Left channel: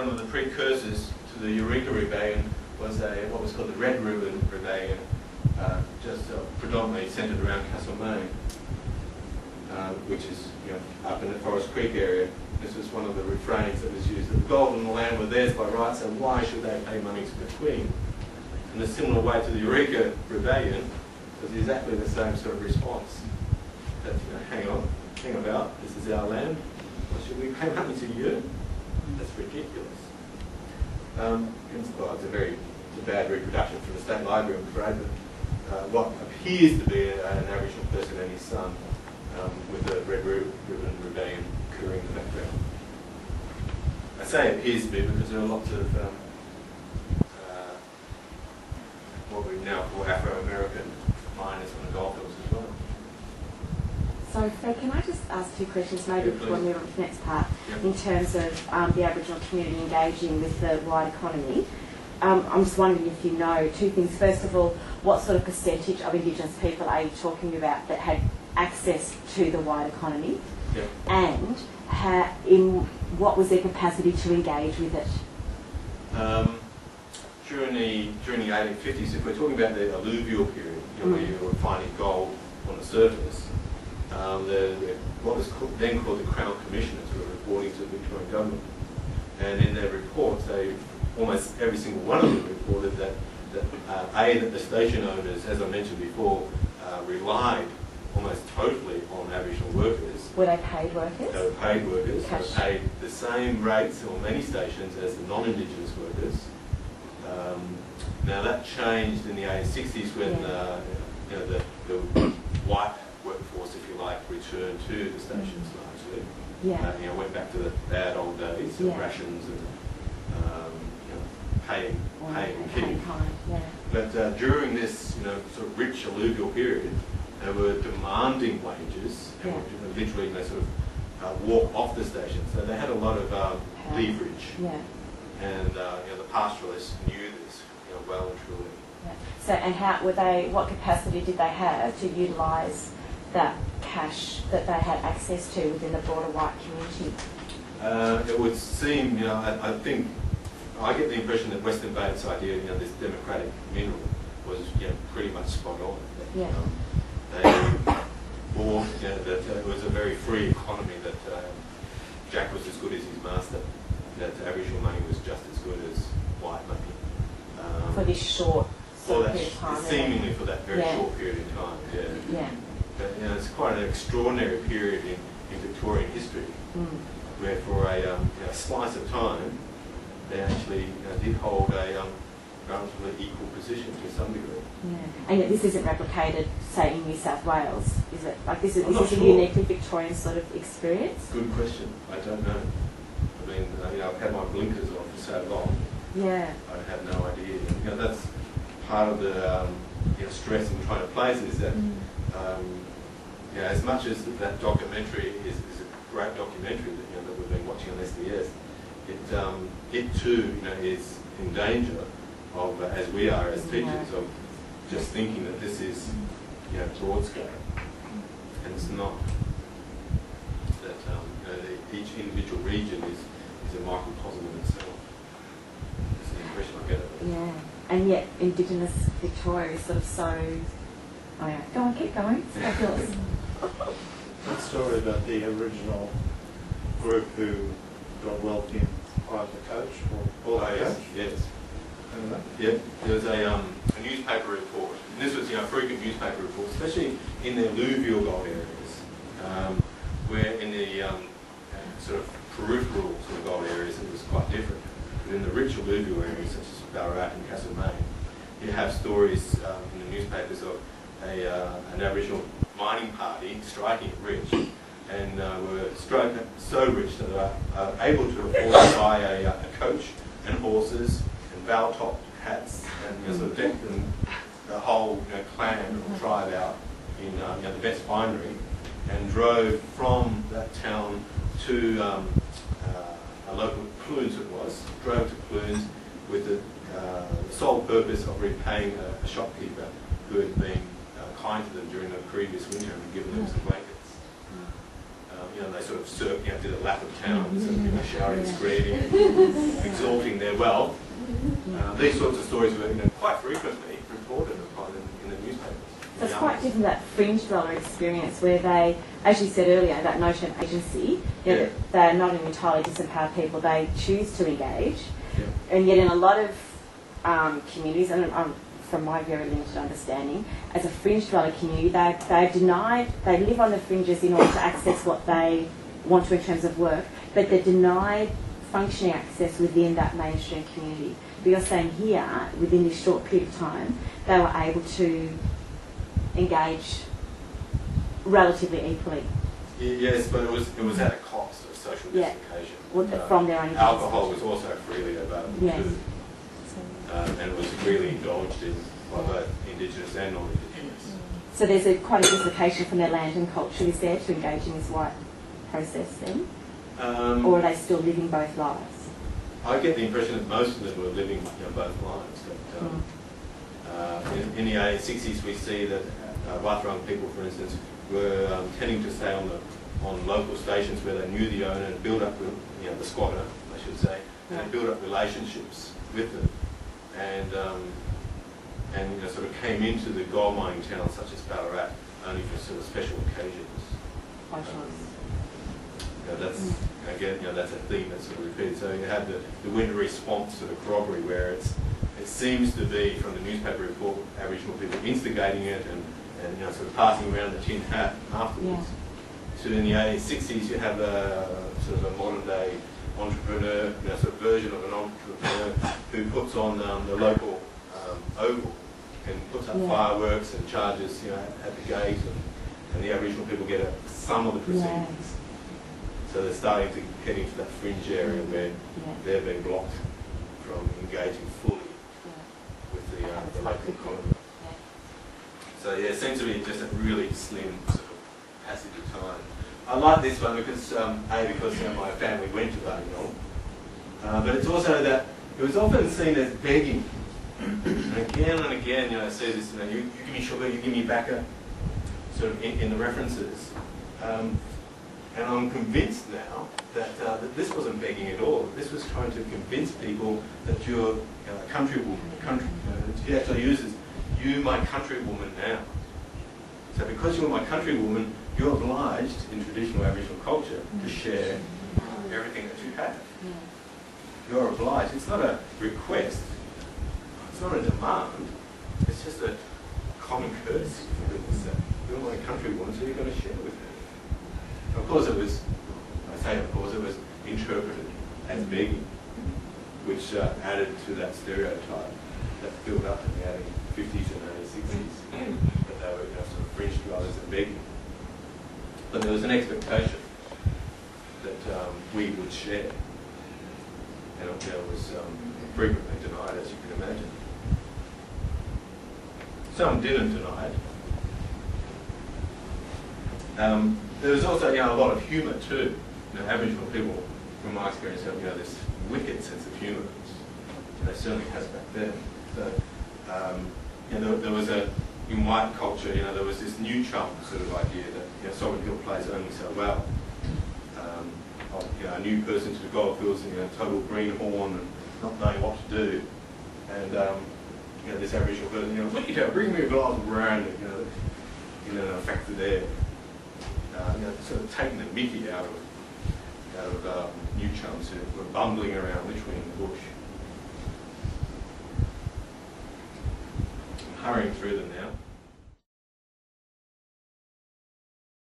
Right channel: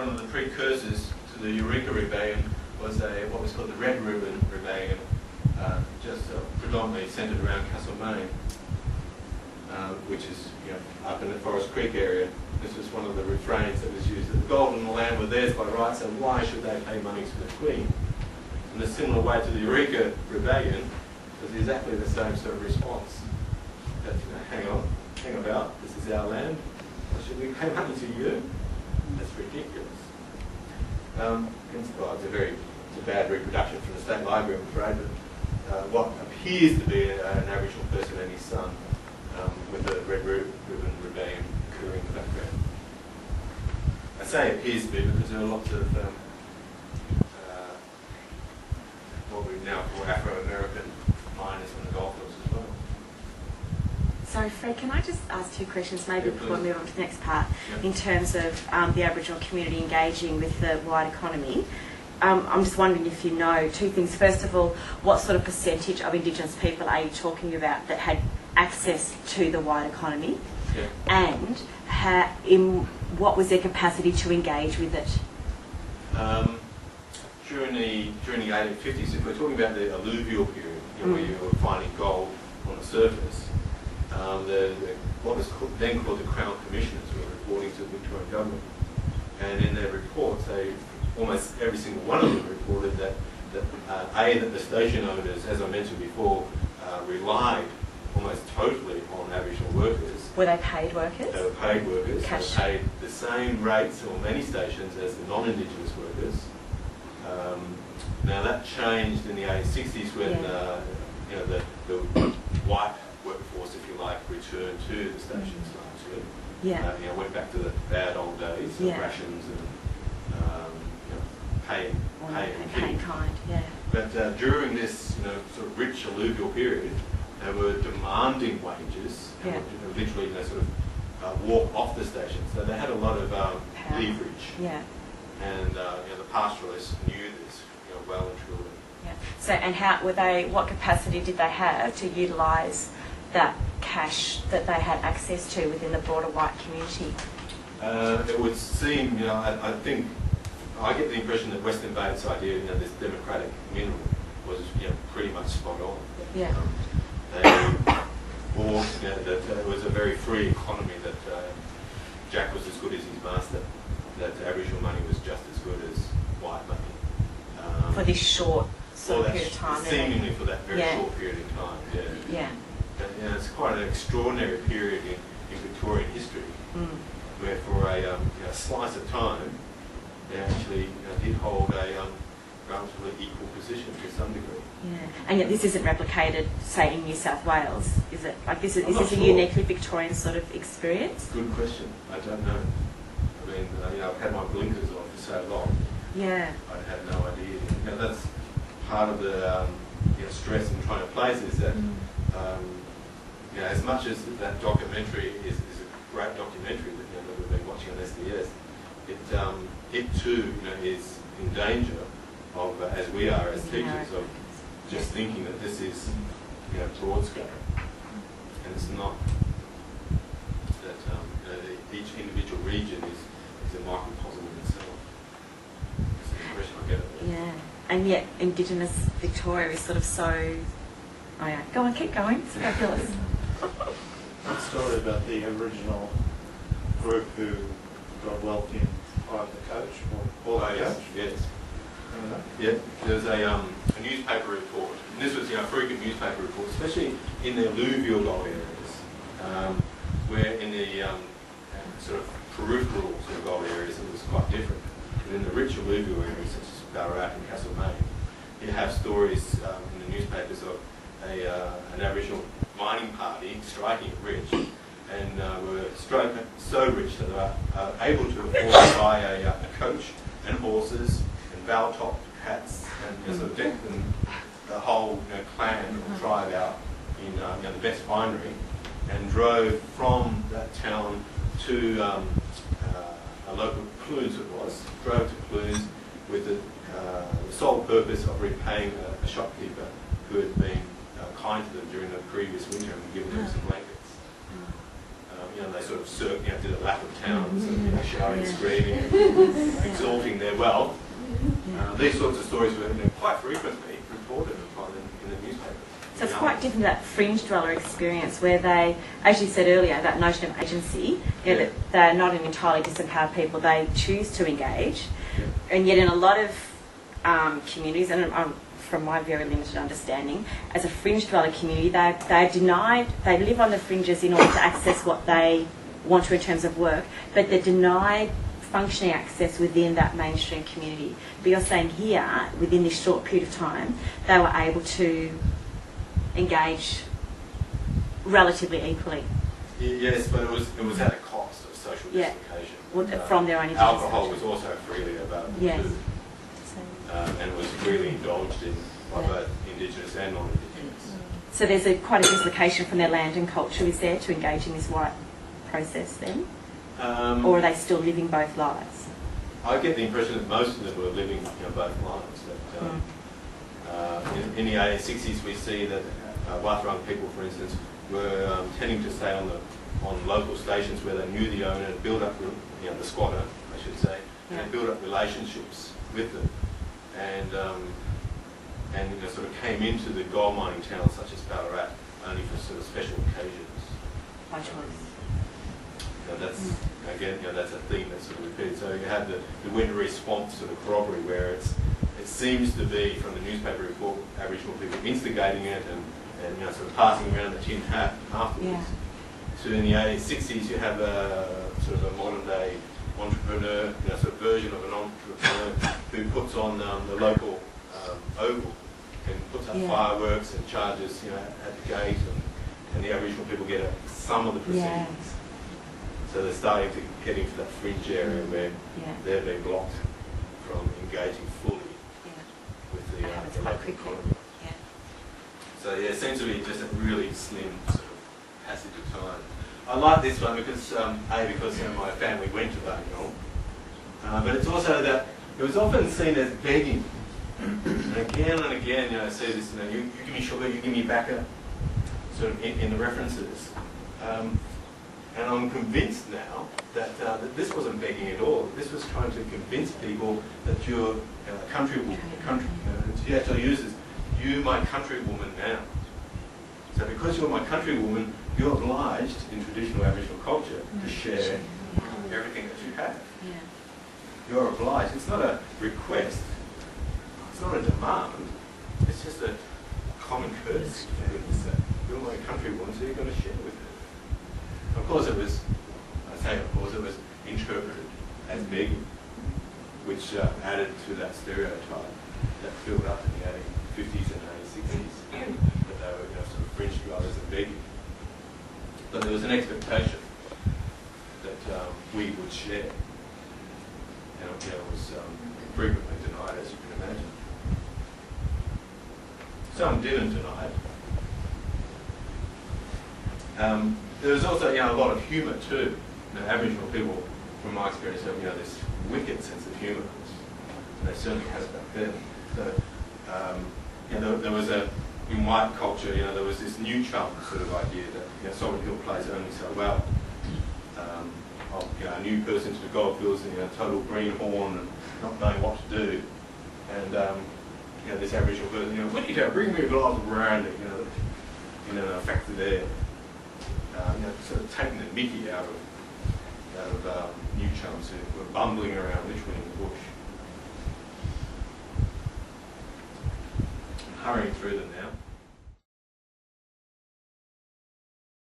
one of the precursors to the Eureka Rebellion was what was called the Red Ribbon Rebellion, just predominantly centred around Castlemaine, which is up in the Forest Creek area. This was one of the refrains that was used, that the gold and the land were theirs by right, so why should they pay money to the Queen? In a similar way to the Eureka Rebellion, was exactly the same sort of response. That, hang about, this is our land, why should we pay money to you? That's ridiculous. It's a bad reproduction from the State Library, I'm afraid, but what appears to be an Aboriginal person and his son with the Red Ribbon Rebellion occurring in the background. I say appears to be because there are lots of what we now call Afro-American miners on the goldfields as well. So, Fred, can I just ask two questions, maybe before we move on to the next part, in terms of the Aboriginal community engaging with the wide economy? I'm just wondering if you know two things. First of all, what sort of percentage of Indigenous people are you talking about that had access to the wide economy? Yeah. And what was their capacity to engage with it? During the 1850s, if we're talking about the alluvial period, where you were finding gold on the surface, what was then called the Crown Commissioners were reporting to the Victorian government, and in their reports, almost every single one of them reported that the station owners, as I mentioned before, relied almost totally on Aboriginal workers. Were they paid workers? They were paid workers. Cash. They were paid the same rates on many stations as the non-Indigenous workers. Now that changed in the 1860s when the white workforce, if you like, returned to the stations largely. Yeah. Went back to the bad old days of rations and paying and keeping. But during this sort of rich alluvial period, they were demanding wages and would literally sort of walk off the station. So they had a lot of leverage. Yeah. And the pastoralists knew this well and truly. Yeah. So, and what capacity did they have to utilise that cash that they had access to within the broader white community? It would seem, I think, I get the impression that Western Bates' idea, this democratic mineral, was pretty much spot on. Yeah. That it was a very free economy, that Jack was as good as his master, that Aboriginal money was just as good as white money. For this short period of time. Seemingly for that very short period in time, Yeah. But it's quite an extraordinary period in Victorian history, where for a slice of time, they actually did hold a relatively equal position to some degree. Yeah, and yet this isn't replicated, say, in New South Wales, is it? Like this is a sure. uniquely Victorian sort of experience? Good question. I don't know. I mean, I've had my blinkers on for so long. Yeah. I have no idea. That's part of the stress in trying to place is that as much as that documentary is a great documentary that we've been watching on SDS, it too is in danger of, as we are as teachers, of just thinking that this is broad scale, and it's not. That each individual region is a microcosm in itself. That's the impression I get of it. Yeah, and yet Indigenous Victoria is sort of so. Oh yeah, go on, keep going. It's fabulous. That story about the original group who got wealthy and hired the coach, or the coach? Yes. Yeah, there was a newspaper report, and this was a frequent newspaper report, especially in the alluvial gold areas, where in the sort of peripheral sort of gold areas it was quite different. But in the rich alluvial areas such as Ballarat and Castlemaine, you have stories in the newspapers of an Aboriginal mining party striking it rich, and were so rich that they were able to afford to buy a coach and horses and bow-topped hats, and sort of decked them, the whole clan or tribe out in the best finery, and drove from that town to a local Clunes drove to Clunes with the sole purpose of repaying a shopkeeper who had been kind to them during the previous winter and given them some blankets. they sort of did a lap of town, sort of, shouting, screaming, and exalting their wealth. These sorts of stories were quite frequently reported upon in the newspapers. So it's quite different, that fringe dweller experience where they, as you said earlier, that notion of agency, that they're not an entirely disempowered people, they choose to engage. And yet in a lot of communities, and from my very limited understanding, as a fringe dweller community, they're denied, they live on the fringes in order to access what they want to in terms of work, but they're denied functioning access within that mainstream community. But you're saying here, within this short period of time, they were able to engage relatively equally. Yes, but it was at a cost of social justification. From their own alcohol was also freely available too, and was freely indulged in by both Indigenous and non-Indigenous. So there's quite a dislocation from their land and culture, is there, to engage in this white process then? Or are they still living both lives? I get the impression that most of them were living both lives. That, in the 1860s we see that Wathaurong people, for instance, were tending to stay on local stations where they knew the owner and build up, the squatter, I should say, and build up relationships with them, and sort of came into the gold mining towns such as Ballarat only for sort of special occasions. That's again, that's a theme that's sort of repeated. So you have the Wintery Swamp sort of corroboree, where it seems to be, from the newspaper report, Aboriginal people instigating it and sort of passing around the tin hat afterwards. So in the 1860s, you have a sort of a modern day entrepreneur, sort of version of an entrepreneur who puts on the local oval and puts up fireworks and charges, at the gate, and the Aboriginal people get some of the proceedings. So they're starting to get into that fringe area where they're being blocked from engaging fully with the local economy. So it seems to be just a really slim sort of passage of time. I like this one because my family went to Buninyong, but it's also that it was often seen as begging. And again, I see this, you give me sugar, you give me backer, sort of in the references. And I'm convinced now that this wasn't begging at all. This was trying to convince people that you're he actually uses, you my countrywoman now. So because you're my countrywoman, you're obliged in traditional Aboriginal culture to share everything that you have. You're obliged. It's not a request. It's not a demand. It's just a common courtesy for goodness sake. You're my countrywoman, so you're going to share with her. Of course it was, it was interpreted as begging, which added to that stereotype that built up in the 1850s and 1860s, that they were sort of fringe dwellers and begging. But there was an expectation that we would share, and it was frequently denied, as you can imagine. Some didn't deny it. There was also a lot of humour too. Aboriginal people, from my experience, have this wicked sense of humour, and they certainly had it back then. So there was in white culture, there was this new chum sort of idea that Sovereign Hill plays only so well. A new person to the goldfields and total greenhorn and not knowing what to do, and this Aboriginal person, look at you, bring me a glass of brandy, a factor there. Sort of taking the mickey out of new chums who were bumbling around literally in the bush. I'm hurrying through them now.